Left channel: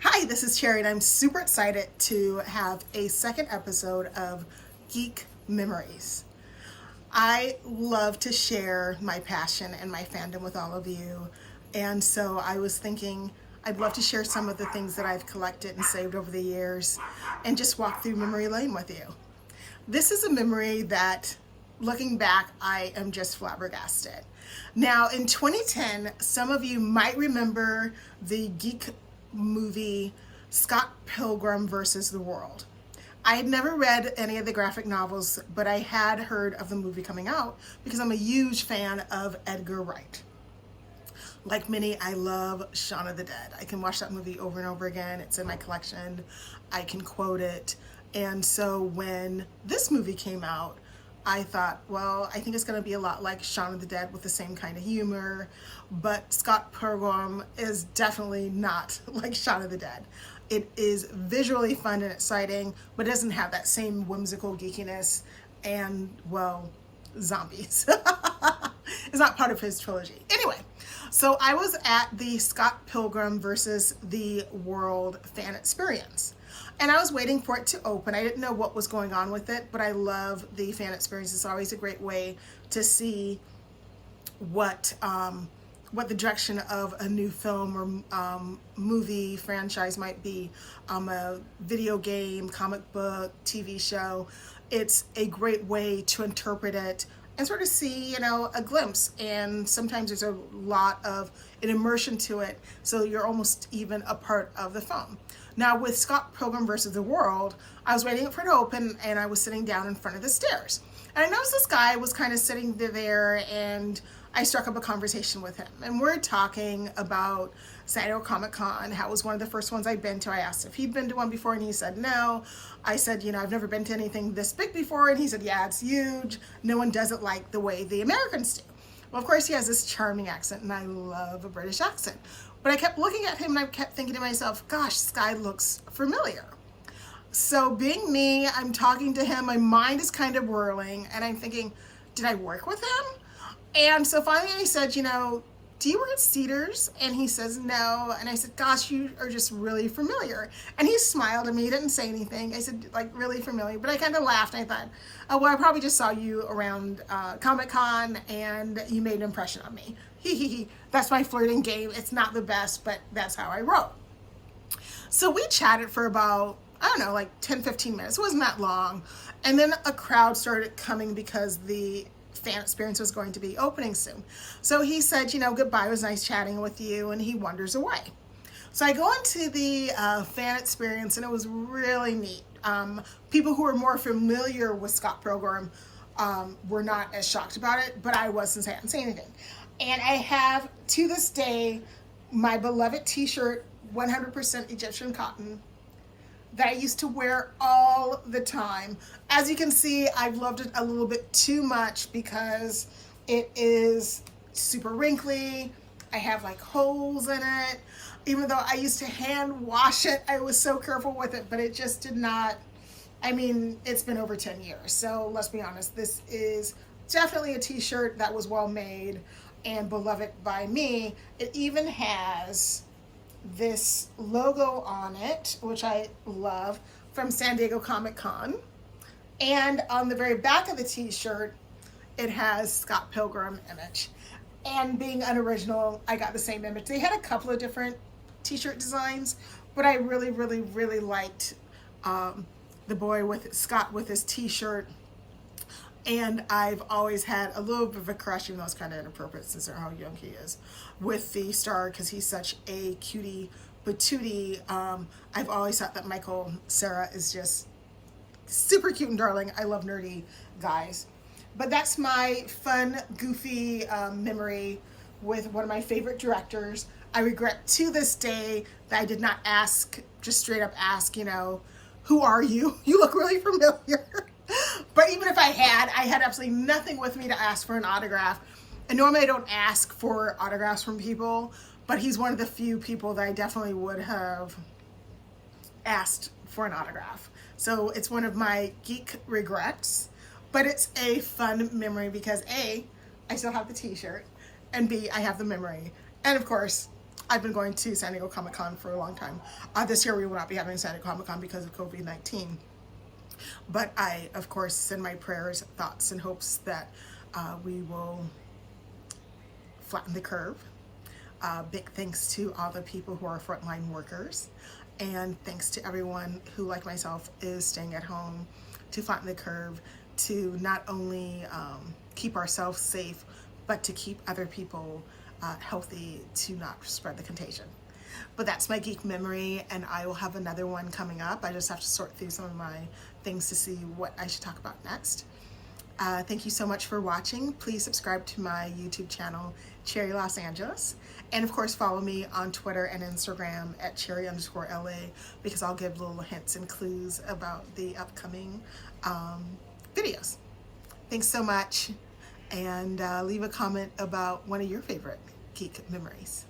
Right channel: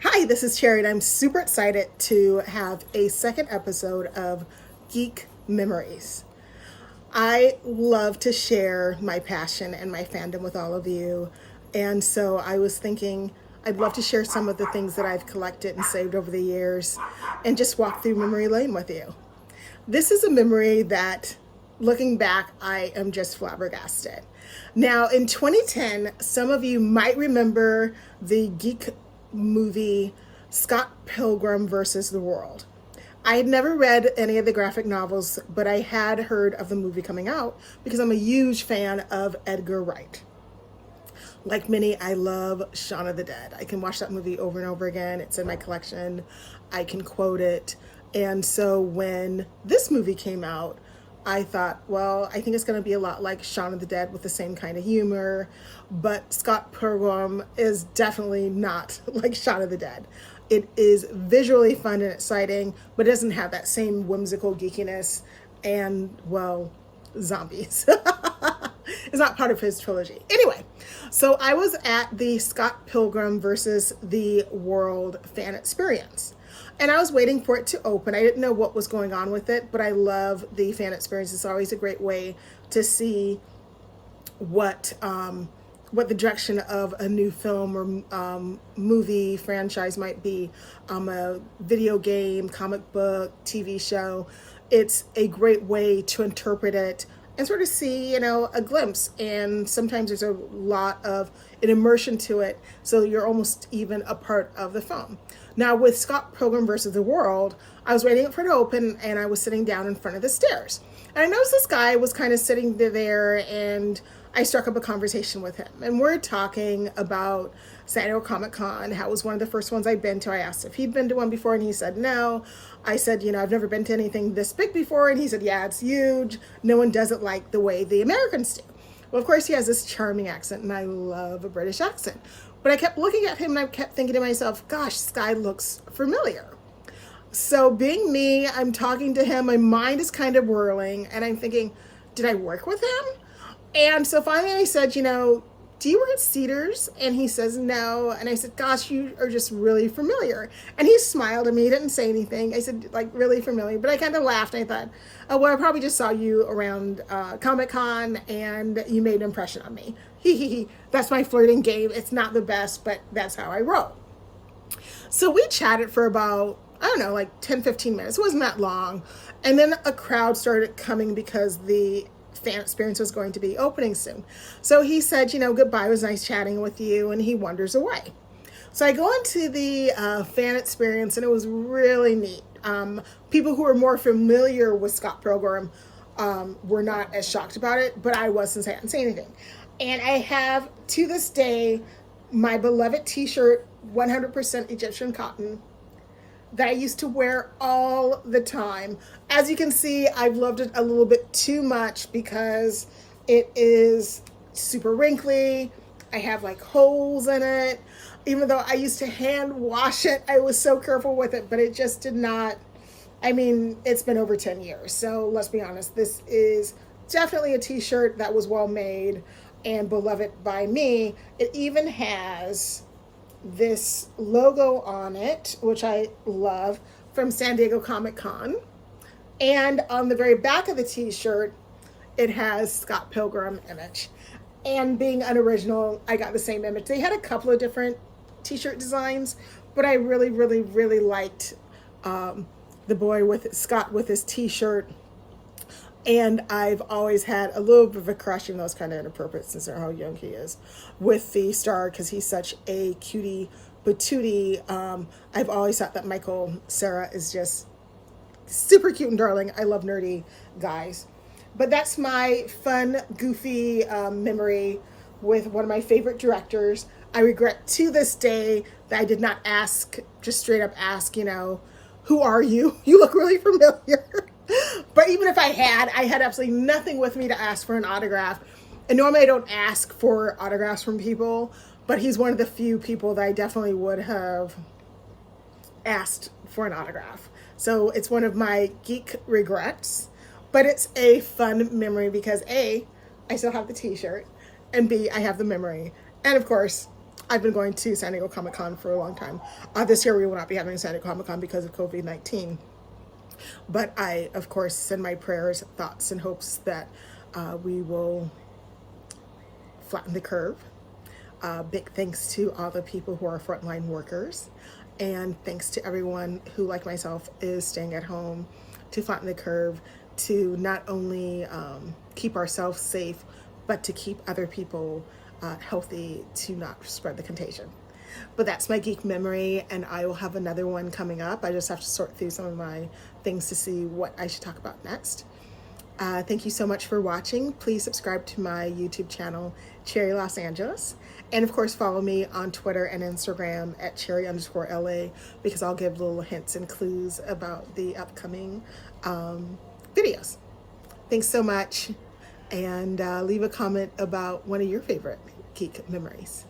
Hi, this is Cherry, and I'm super excited to have a second episode of Geek Memories. I love to share my passion and my fandom with all of you, and so I was thinking I'd love to share some of the things that I've collected and saved over the years and just walk through memory lane with you. This is a memory that, looking back, I am just flabbergasted. Now, in 2010, some of you might remember the Geek movie Scott Pilgrim versus the World. I had never read any of the graphic novels, but I had heard of the movie coming out because I'm a huge fan of Edgar Wright. Like many, I love Shaun of the Dead. I can watch that movie over and over again. It's in my collection. I can quote it. And so when this movie came out, I thought, well, I think it's going to be a lot like Shaun of the Dead with the same kind of humor, but Scott Pilgrim is definitely not like Shaun of the Dead. It is visually fun and exciting, but it doesn't have that same whimsical geekiness and, well, zombies. It's not part of his trilogy. Anyway, so I was at the Scott Pilgrim versus the World fan experience. And I was waiting for it to open. I didn't know what was going on with it, but I love the fan experience. It's always a great way to see what the direction of a new film or movie franchise might be, a video game, comic book, TV show. It's a great way to interpret it and sort of see, a glimpse. And sometimes there's a lot of an immersion to it, so you're almost even a part of the film. Now, with Scott Pilgrim versus the World, I was waiting for it to open, and I was sitting down in front of the stairs. And I noticed this guy was kind of sitting there, and I struck up a conversation with him. And we're talking about San Diego Comic-Con, how it was one of the first ones I'd been to. I asked if he'd been to one before, and he said no. I said, I've never been to anything this big before, and he said, yeah, it's huge. No one does it like the way the Americans do. Well, of course, he has this charming accent, and I love a British accent. But I kept looking at him, and I kept thinking to myself, gosh, this guy looks familiar. So being me, I'm talking to him, my mind is kind of whirling, and I'm thinking, did I work with him? And so finally I said, do you work at Cedars? And he says, no. And I said, gosh, you are just really familiar. And he smiled at me, he didn't say anything. I said, like, really familiar. But I kind of laughed, and I thought, oh, well, I probably just saw you around Comic-Con, and you made an impression on me. That's my flirting game. It's not the best, but that's how I roll. So we chatted for about, 10, 15 minutes. It wasn't that long. And then a crowd started coming because the fan experience was going to be opening soon. So he said, goodbye, it was nice chatting with you, and he wanders away. So I go into the fan experience, and it was really neat. People who are more familiar with Scott Pilgrim were not as shocked about it, but I was, since I hadn't seen anything. And I have, to this day, my beloved T-shirt, 100% Egyptian cotton, that I used to wear all the time. As you can see, I've loved it a little bit too much because it is super wrinkly. I have like holes in it. Even though I used to hand wash it, I was so careful with it, but it just did not. It's been over 10 years. So let's be honest, this is definitely a T-shirt that was well made and beloved by me. It even has this logo on it, which I love, from San Diego Comic-Con. And on the very back of the T-shirt, it has Scott Pilgrim image. And being unoriginal, I got the same image. They had a couple of different T-shirt designs, but I really, really, really liked the boy with Scott with his T-shirt. And I've always had a little bit of a crush, even though it's kind of inappropriate since of how young he is, with the star, because he's such a cutie patootie. I've always thought that Michael Cera is just super cute and darling. I love nerdy guys. But that's my fun, goofy memory with one of my favorite directors. I regret to this day that I did not just straight up ask, who are you? You look really familiar. But even if I had absolutely nothing with me to ask for an autograph. And normally I don't ask for autographs from people, but he's one of the few people that I definitely would have asked for an autograph. So it's one of my geek regrets, but it's a fun memory because A, I still have the T-shirt, and B, I have the memory. And of course, I've been going to San Diego Comic-Con for a long time. This year we will not be having San Diego Comic-Con because of COVID-19. But I, of course, send my prayers, thoughts, and hopes that we will flatten the curve. Big thanks to all the people who are frontline workers. And thanks to everyone who, like myself, is staying at home to flatten the curve, to not only keep ourselves safe, but to keep other people healthy, to not spread the contagion. But that's my geek memory, and I will have another one coming up. I just have to sort through some of my things to see what I should talk about next. Thank you so much for watching. Please subscribe to my YouTube channel, Cherry Los Angeles. And of course, follow me on Twitter and Instagram at cherry_LA, because I'll give little hints and clues about the upcoming videos. Thanks so much. And leave a comment about one of your favorite geek memories.